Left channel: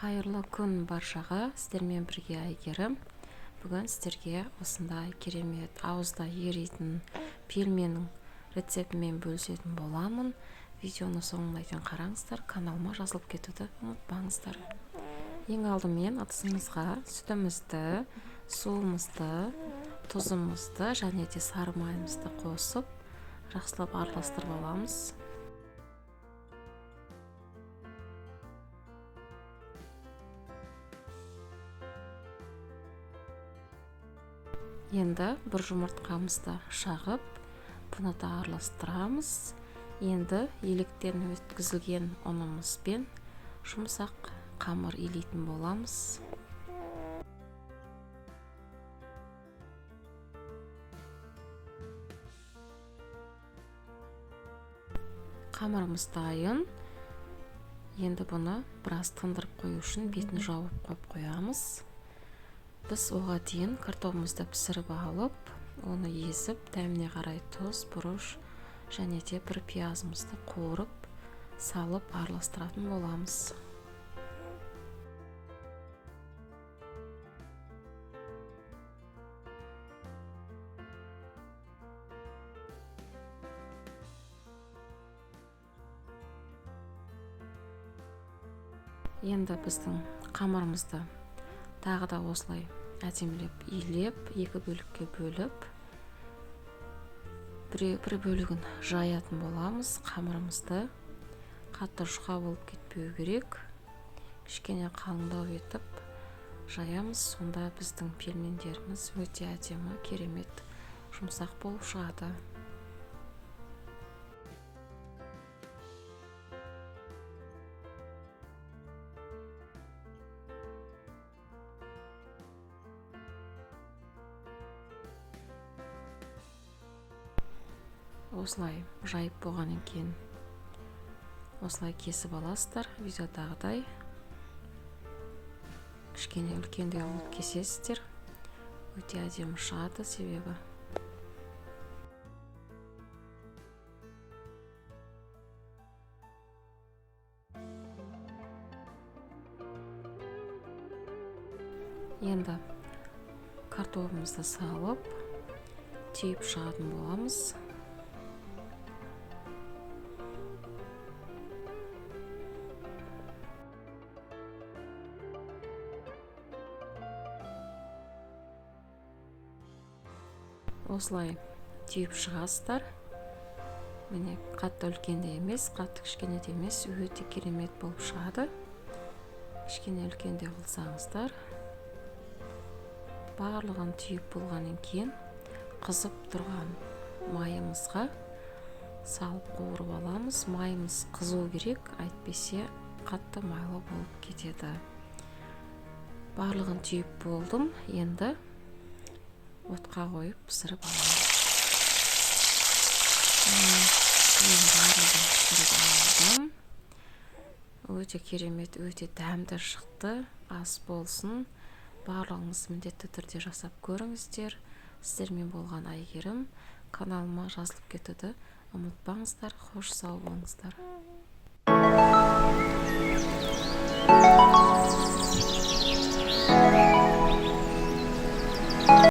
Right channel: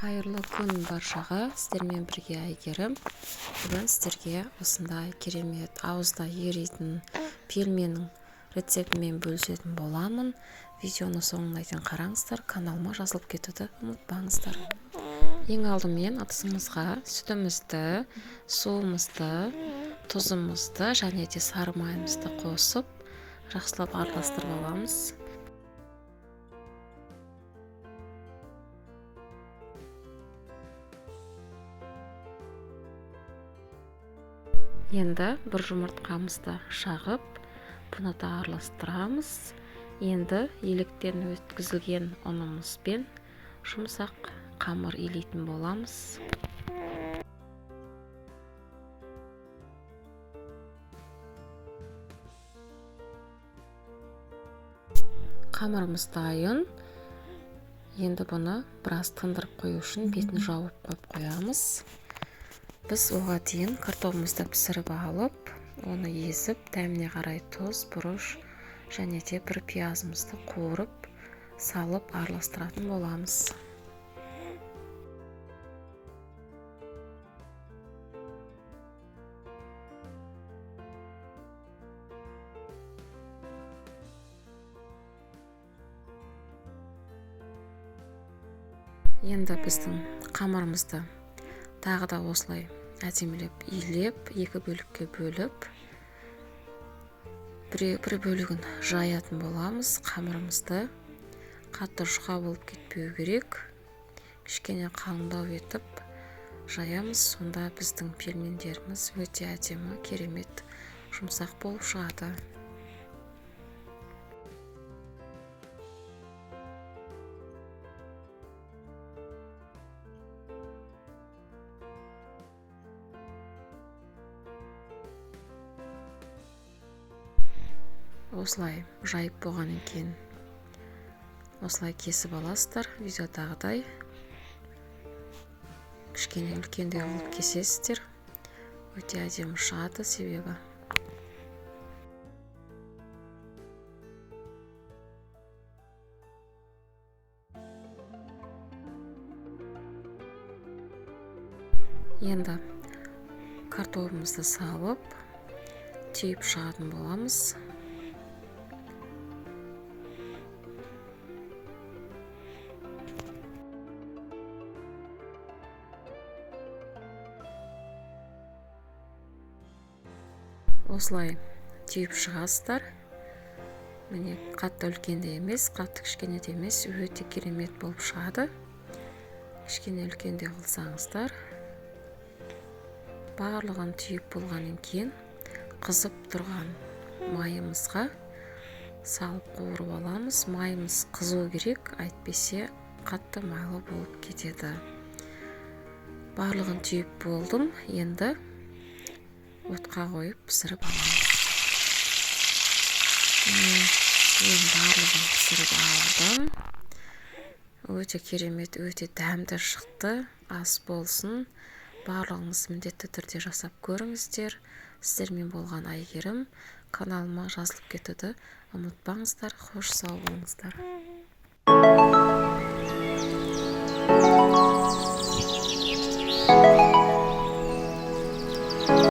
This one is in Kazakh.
Қайырлы күн баршаға, сіздермен бірге Әйгерім. Бүгін сіздерге осындай керемет ауызда еритін пельменнің рецептімен бөлісетін боламын. Видеоны соңына дейін қараңыздар, каналыма жазылып кетуді ұмытпаңыздар. Ең алдымен ыдысымызға сүтімізді, суымызды, тұзымызды және де сары майымызды қосып, жақсылап араластырып аламыз. Енді бір жұмыртқамызды шағып, бұны да араластырамыз. Енді електен өткізілген ұнымызбен жұмсақ қамыр илейтін боламыз. Қамырымыз дайын. Енді бұны біраз тындырып қою үшін бетін жауып қойамыз. Біз оға дейін картопымызды пісіріп алып, оны езіп, дәміне қарай тұз, бұрыш және де бір пиязымызды қуырып, салып араластыратын боламыз. Енді біздің қамырымызды тағы да осылай әдемілеп илеп, екі бөлікке бөліп, бір бөлігін жаятын боламыз. Қамырымызды қатты жұқа болып кетпеу керек, кішкене қалыңдау етіп жаямыз. Сонда біздің пельмендеріміз өте әдемі, керемет, жұмсақ болып шығады. Осылай жайып болғаннан кейін осылай кесіп аласыздар. Видеодағыдай кішкене үлкендеу қылып кесесіздер. Өте әдемі шығады себебі. Енді картопымызды салып, түйіп шығатын боламыз. Осылай түйіп шығасыздар. Міне қатты үлкенде емес, қатты кішкене де емес, өте керемет болып шығады. Кішкене үлкенде қылсаңыздар. Барлығын түйіп болғаннан кейін қызып тұрған майымызға салып қуырып аламыз. Майымыз қызу керек, әйтпесе қатты майлы болып кетеді. Барлығын түйіп болдым. Енді отқа қойып пісіріп аламыз. Барлығын пісіріп алдым. Өте керемет, өте дәмді шықты. Ас болсын. Барлығыңыз міндетті түрде жасап көріңіздер. Сіздермен болған Әйгерім. Каналыма жазылып кетуді ұмытпаңыздар. Хош сау болыңыздар.